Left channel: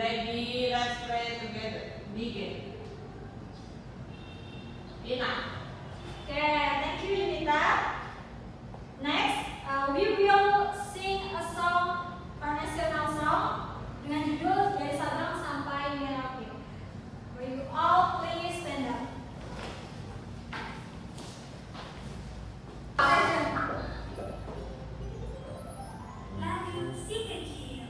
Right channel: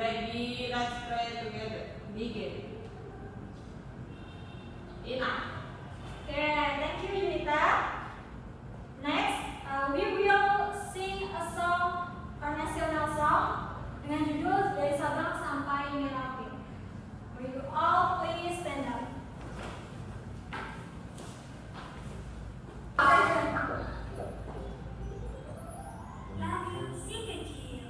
ready, let's pray together. Begin. Enough. Okay, thank you, Yunita. Next, we will sing a song, our national song, dengan judul Dari Sabang Sampai Merauke. Will you all please stand up? Lagu si kecil.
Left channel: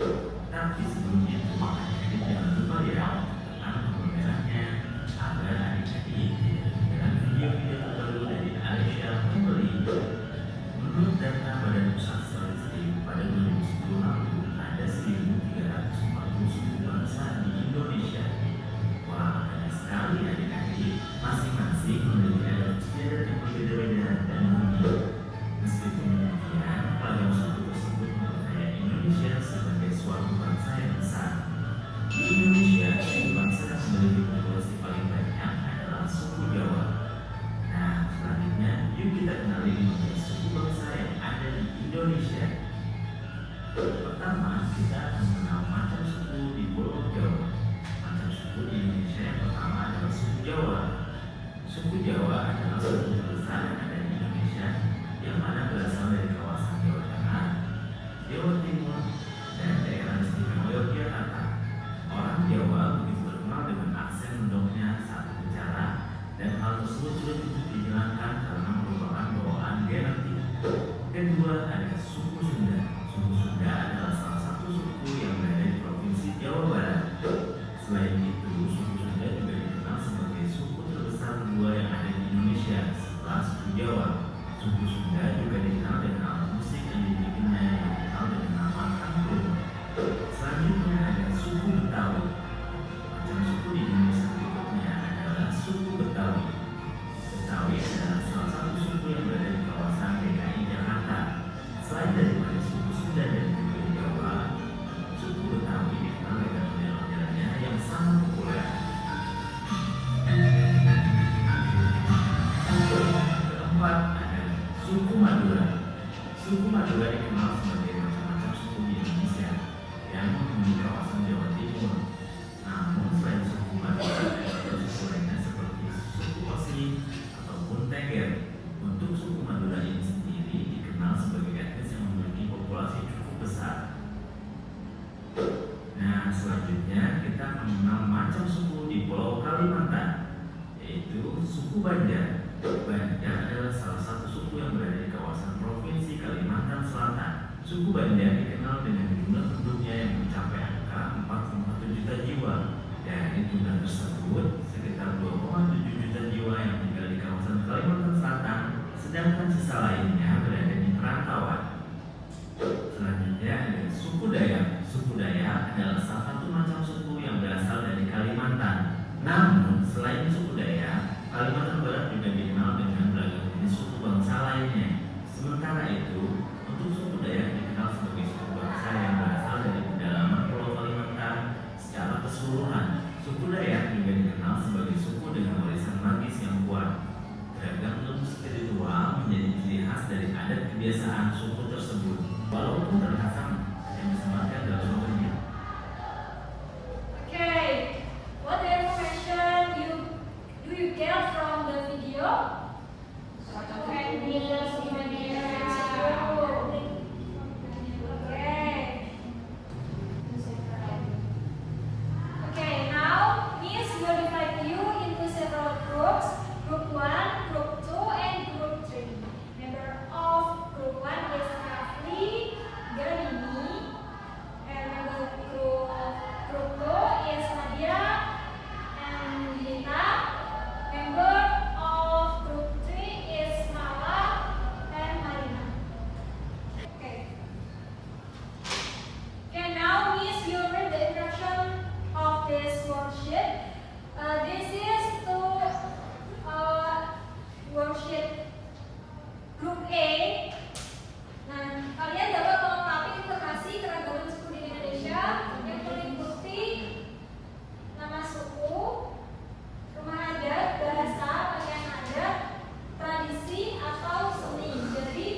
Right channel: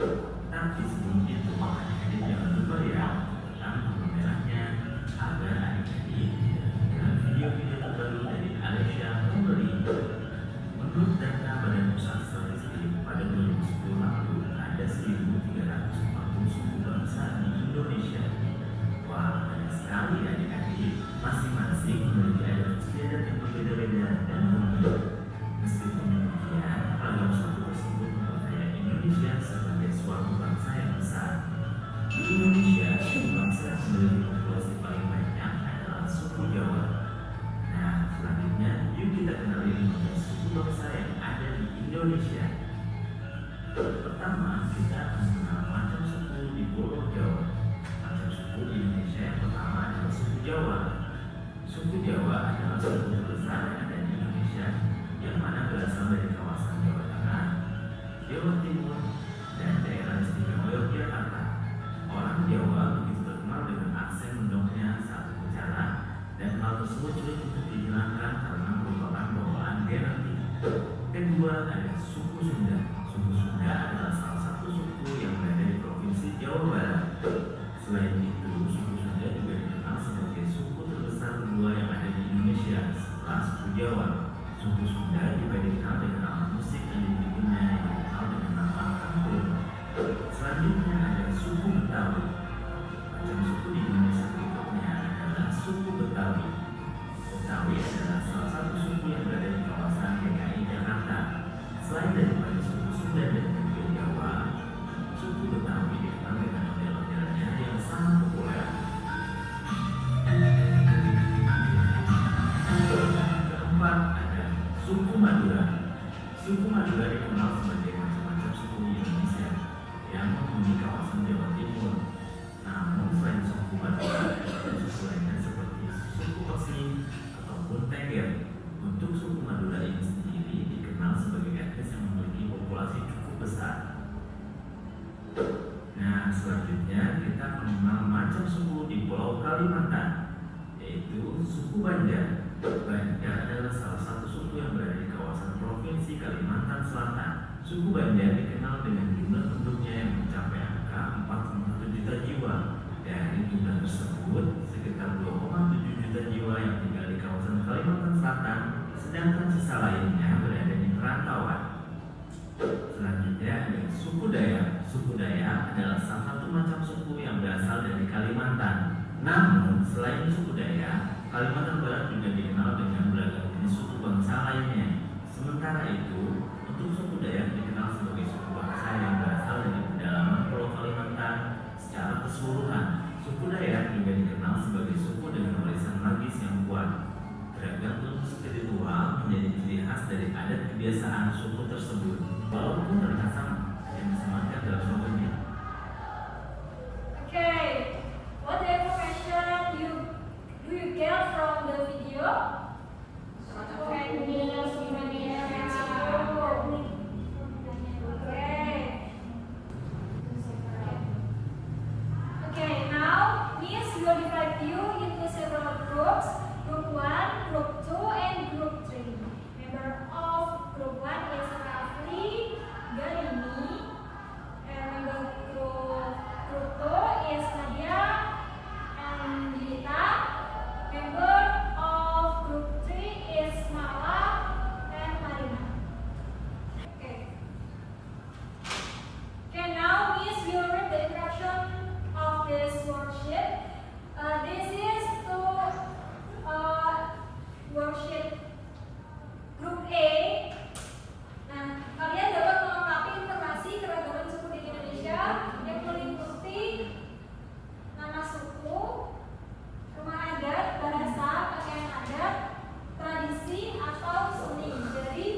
Tapi sebelum itu, adik-adik jangan lupa ya tentang tombol merahnya agar adik-adik tidak ketinggalan video-video terbaru dari Alessia Family. Menurut data Badan Pusat Statistik pada 2010 lalu, ada 1.340 suku bangsa di Indonesia. Wah, banyak sekali adik-adik, masing-masing memiliki adat istiadat yang berbeda-beda dan unik. Meskipun demikian, ragam suku tersebut memperkaya Indonesia sebagai suatu bangsa yang besar. Di Indonesia, suku bangsa yang memiliki populasi paling banyak adalah suku Jawa. Nah, selanjutnya, yuk kita kenali 15 suku bangsa yang ada di Indonesia. Pertama, kita akan mengenal macam suku di Pulau Jawa. Macam suku di Indonesia yang pertama adalah suku Jawa. Suku Jawa adalah suku terbesar yang ada di Indonesia, yang mana berasal dari kawasan Jawa Tengah, Jawa Timur, dan daerah istimewa Yogyakarta. Orang Jawa begitu terkenal dengan aksen mendongnya saat berbicara, dan hal tersebut sulit untuk dihilangkan karena merupakan bawaan genetik. Kedua, ada suku Sunda. Suku Sunda adalah salah satu suku yang berada di Provinsi Jawa Barat. Selain itu, suku Sunda juga dikenal sebagai suku terbesar kedua yang ada di Indonesia setelah suku Jawa. Suku Sunda juga dikenal dengan alat musik yang dibikinnya yang dikenal dengan nama kangkung. Selanjutnya ada suku Betawi. Macam suku di Indonesia berikutnya adalah suku Betawi. Betawi adalah salah satu suku yang berada di kawasan DKI Jakarta. Selain daripada suku Sunda dan juga Jawa, suku Betawi dikenal dengan ondel-ondelnya yang sangat populer. Keempat ada suku Madura. Suku Madura dikenal sebagai macam-macam suku di Indonesia yang menghuni kawasan Jawa Timur. Namun selain suku Madura, ada suku lainnya seperti suku Osing ataupun Tengger. Untuk suku Madura ini sendiri dikenal sebagai etnis yang memiliki populasi cukup besar. Nah, selanjutnya kita mengenal macam suku di Pulau Kalimantan, yaitu suku Banjar. Banjar adalah salah satu suku yang berada di kawasan Provinsi Kalimantan Selatan. Suku Banjar dikenal dengan jumlah penduduknya yang mencapai angka 4,1 juta jiwa. Dari jumlah tersebut, sekitar 2,7 juta jiwa yang tinggal di kawasan Kalimantan Selatan, sedangkan sisa lainnya berada di perantauan. Selanjutnya ada suku Dayak. Suku Dayak adalah salah satu macam suku yang berasal dari Kalimantan. Namun, selain suku Dayak, Kalimantan Barat juga dikenal dengan beragam jenis suku bangsa lainnya. Sementara itu, untuk suku Dayak dikenal sebagai suku bangsa yang berasal dari pedalaman Pulau Kalimantan secara keseluruhan. Suku Dayak juga dikenal sebagai suku dengan warisan magis yang kuat. Beragam ilmu spiritual menjadi ciri khas dari adat kebiasaan suku tersebut. Walaupun terlihat sama, yang disamarkan dalam slogannya. Okay, what the information do you get from the video? Okay, okay, now Miss will divide you into several groups. Group 1, Group 2, and Group 3. Member of Group 1 is Rafli, Galini, and member Group 2 is Nadia and Lita. Member of Group 3 is Mala and Marina. Okay. Okay, now Miss will read the instruction of this worksheet. This is to worksheet Group A. Nah, kalian dapat melengkapi informasi keragaman suku di Indonesia yang meliputi nama suku, rumah adat, bahasa, pakaian adat, tradisi atau seni. Jadi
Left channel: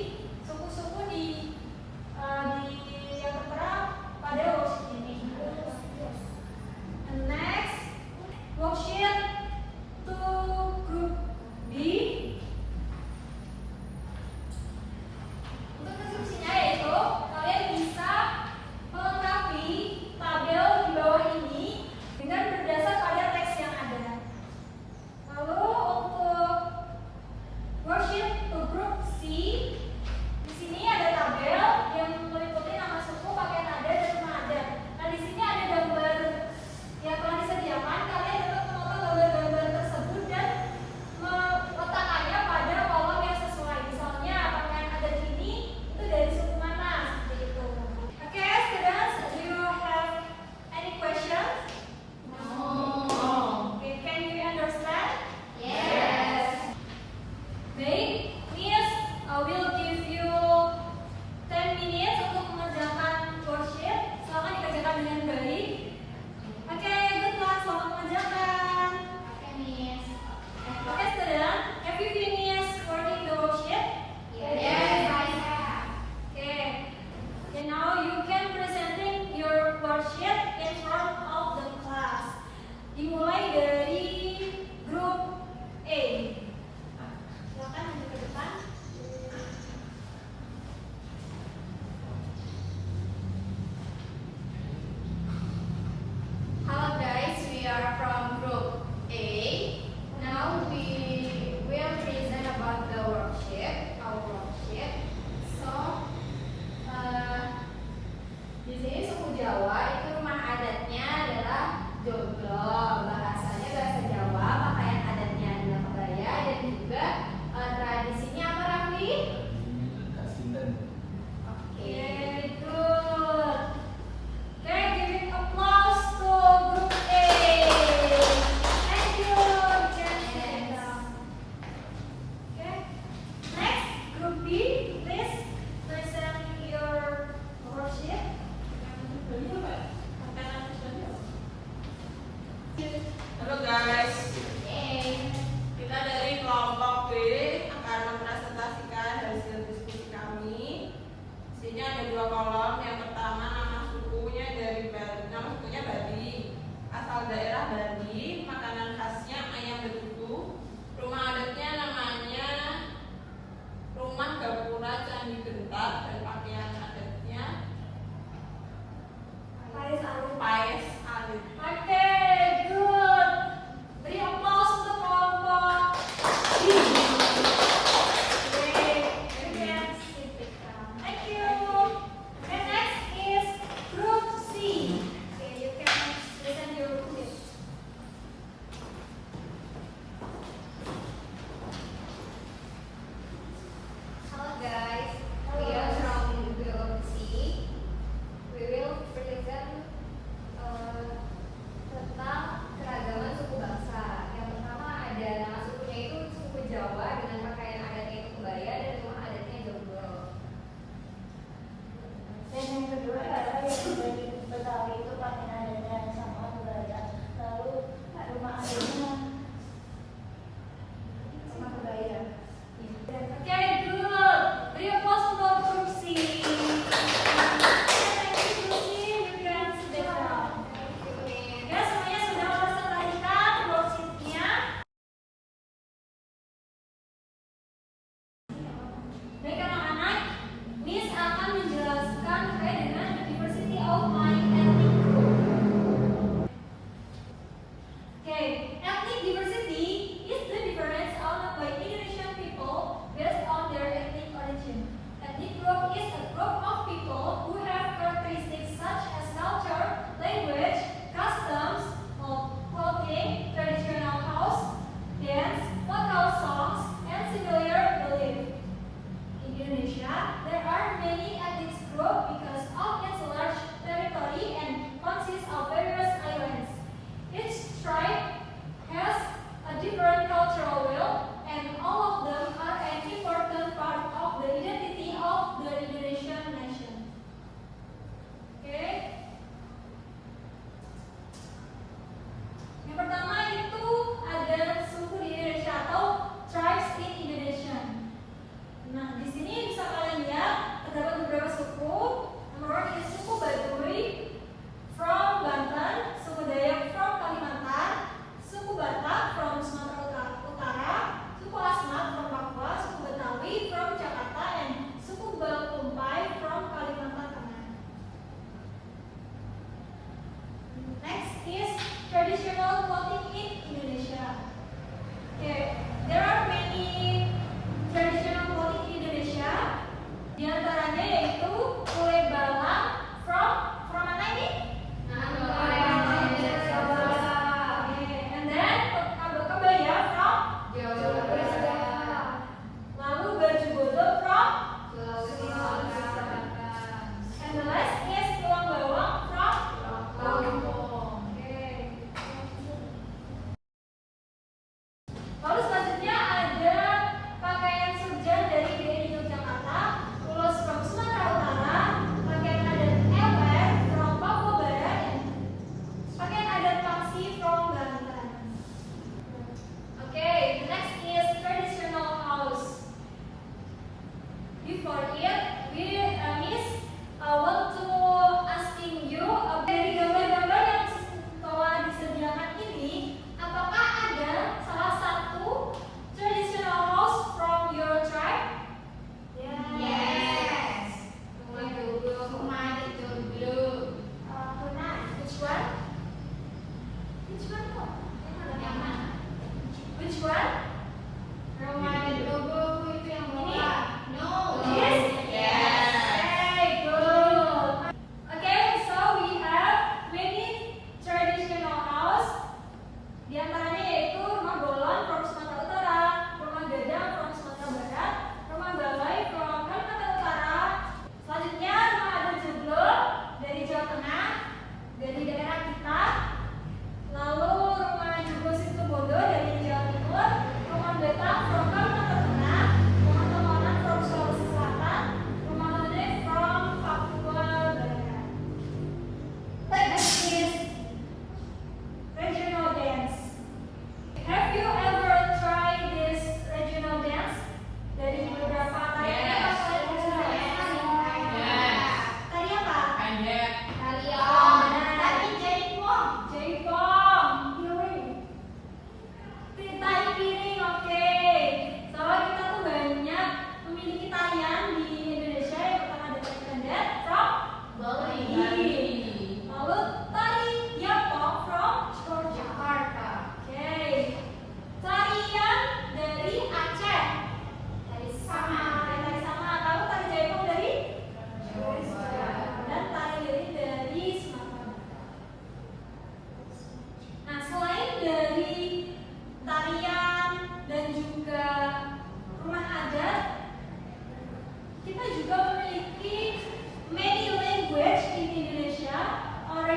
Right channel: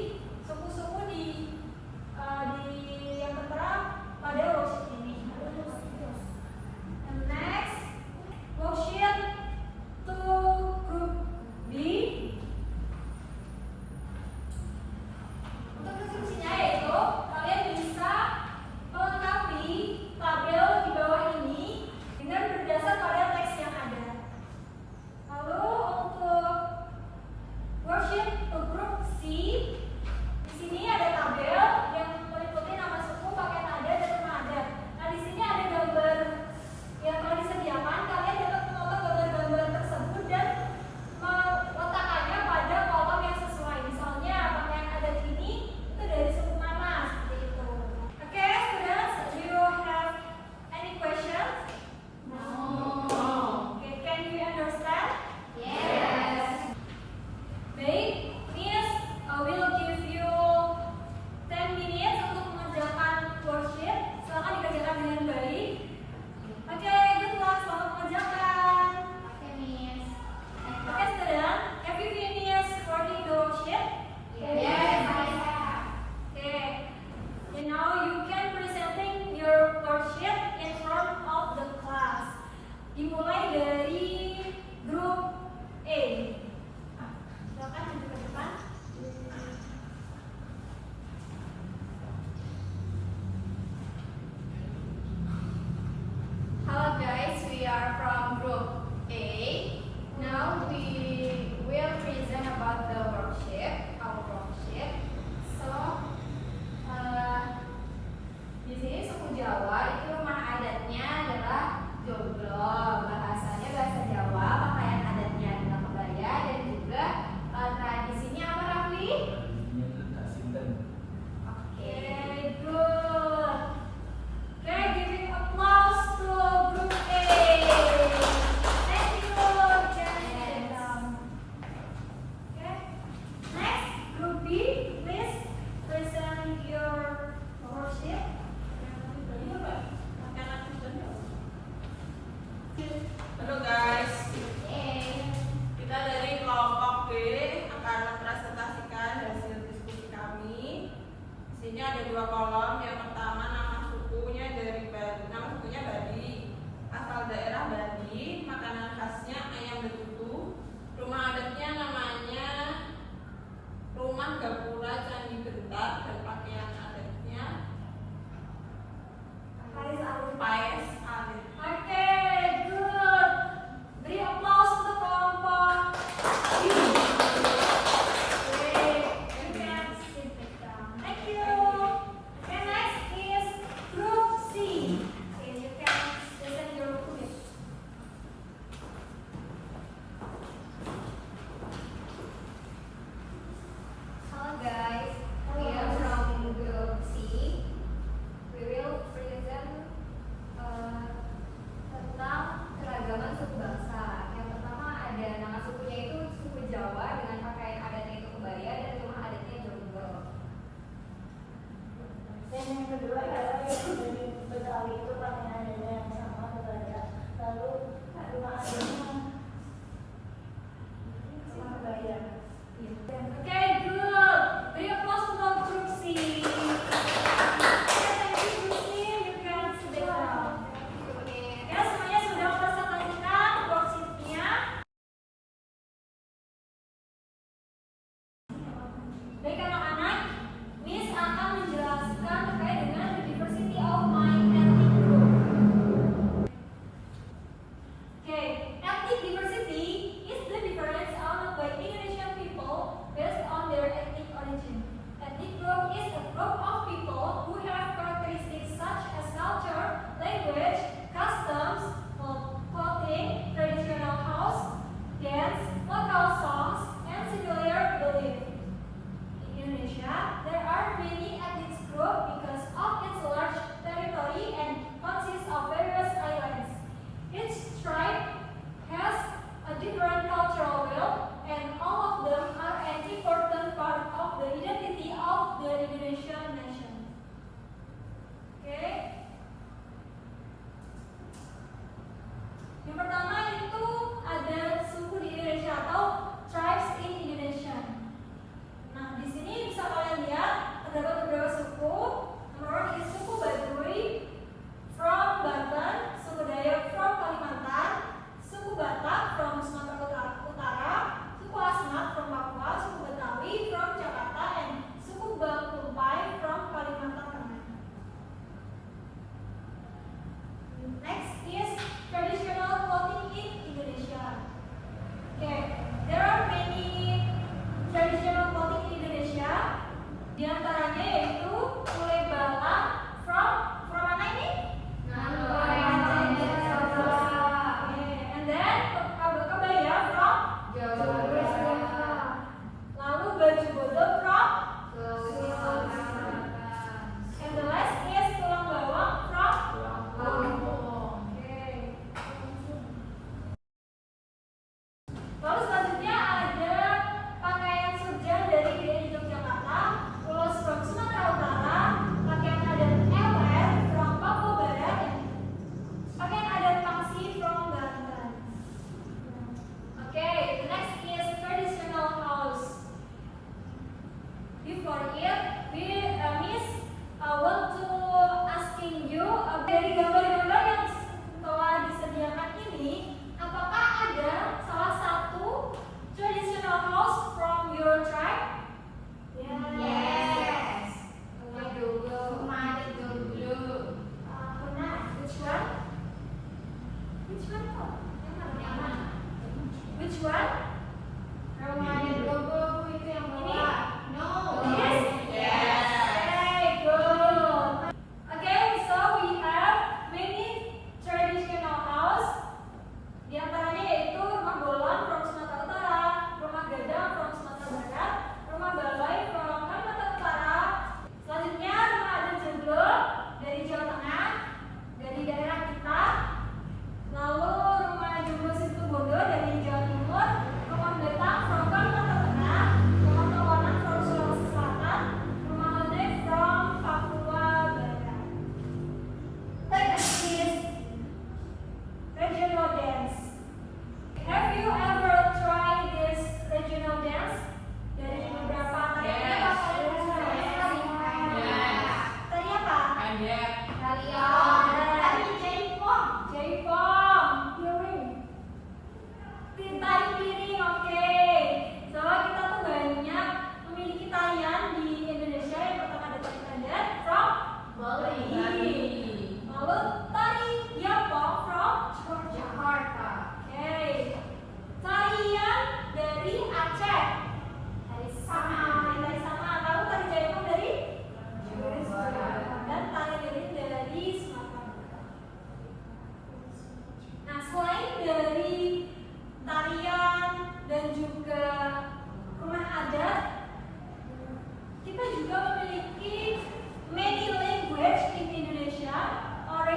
suku-suku di yang tertera pada worksheet ini. And next, worksheet to Group B. Untuk instruksinya yaitu kalian bisa melengkapi Halo guys, Yeay. kita dari kelompok B akan mempresentasikan hasil diskusi kami. Di sini ada 2 kolom. Yang pertama nama sukunya dari Bali, nama sukunya Bali, asal daerah Bali, makanan khasnya ayam betutu, rumah adatnya namanya Rumah Gapura Candi Gentar, dan pakaian adatnya Paris Alif. paes alit. Oke, good. Beri applause untuk kelompok B. Great. Thank you. Oke, next.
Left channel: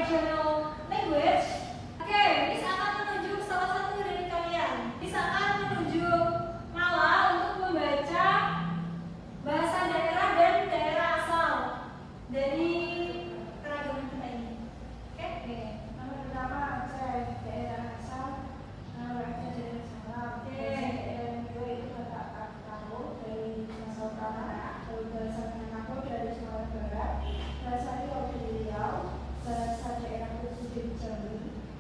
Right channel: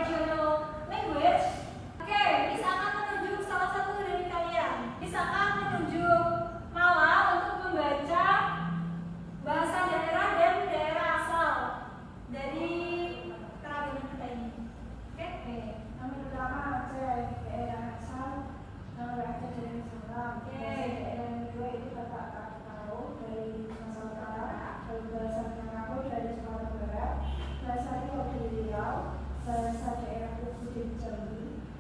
regional language. Oke, Miss akan menunjuk salah satu dari kalian. Miss akan menunjuk Mala untuk membaca bahasa daerah dan daerah asal dari keragaman kita ini. Oke? Nama pertama Aceh, daerah asal Aceh dari Salam. Daerah kedua itu kata Akau dari Sumatera Utara, bahasa Minangkabau dari Sumatera Barat, bahasa Riau dari Riau, bahasa daerah Khusus dari Jambi,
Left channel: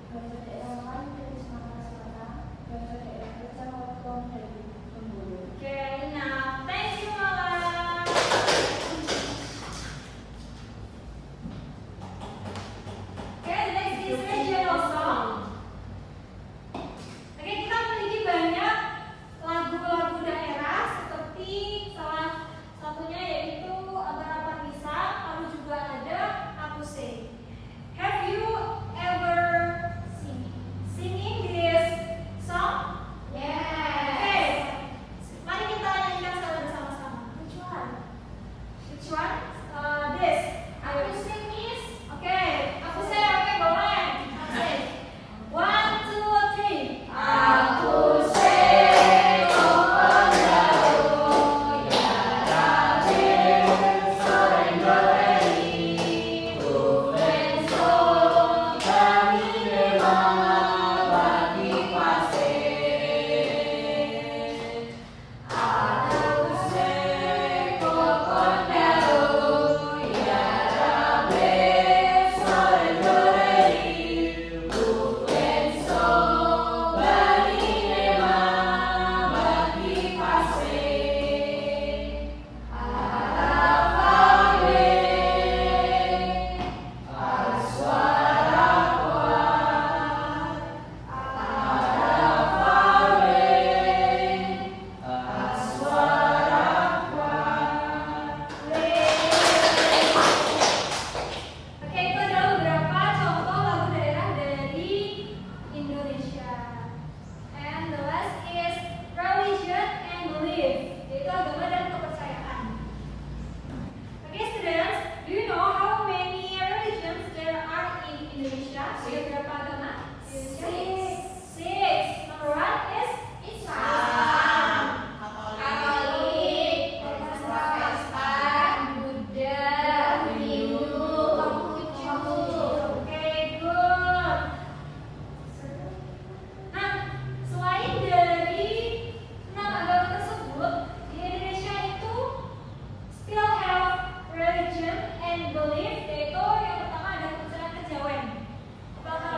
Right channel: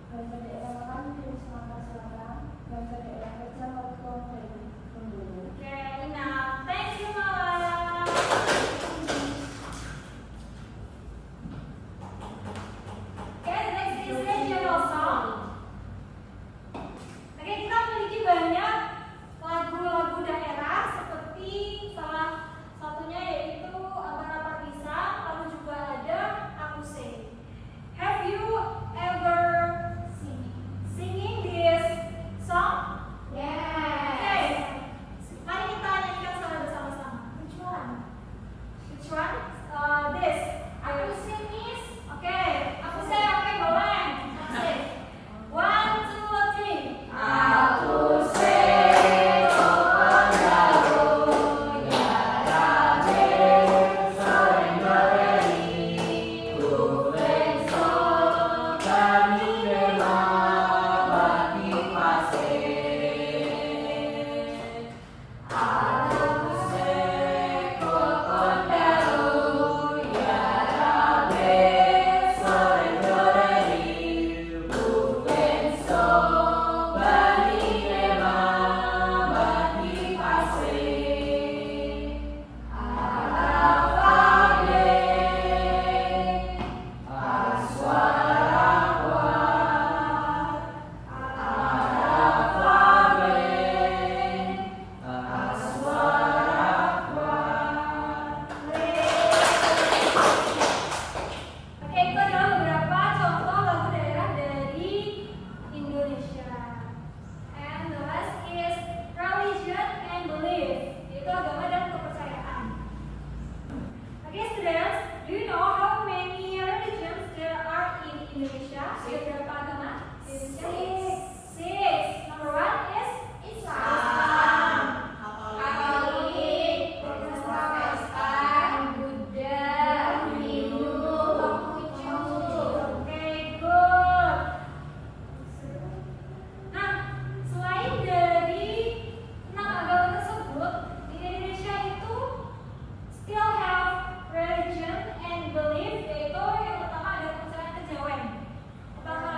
bahasa daerah lain dari Sumatera Selatan, bahasa daerah Kecil Hongkong dari Bengkulu. Oke, nah, thank you Mala. Oke, next is regional song. Oke, kita memiliki banyak lagu-lagu daerah seperti salah satunya yaitu Abang-Abang Isa, lalu juga ada Aku Say. Have you ever singing this song? Okay. Mari kita nyanyikan secara bersama-sama. Which one? Which one? This. Aku sing is. Okay. Aku say. Okay, boleh. Aku say. 1, 2, 3. Aku say Kopondau, ya Rabe, Sorendorei, Buvenso, kami dema bagi pasir. Aku say Kopondau, ya Rabe, Sorendorei, Buvenso, bagi dema bagi pasir. Arafawe, Aswarawa, Arafawe, Aswarawa. Oke, itu adalah beberapa contoh lagu daerah dari Indonesia. And the last is religion and belief, yaitu agama dan kepercayaan. Okay, students, do you know how many religions there are in Indonesia? Ada berapa agama di Indonesia? Six. Number one is Islam, Katolik, Protestan, Buddha, Hindu, Konghucu. Okay, good. Nah, selain dari 6 agama tersebut, di Indonesia itu still have religion and belief, yaitu yang pertama ada kepercayaan kejawen. Apakah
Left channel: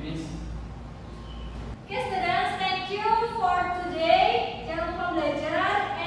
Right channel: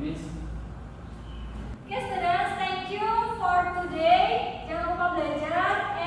Finish. Okay students, thank you for today. Jangan lupa belajar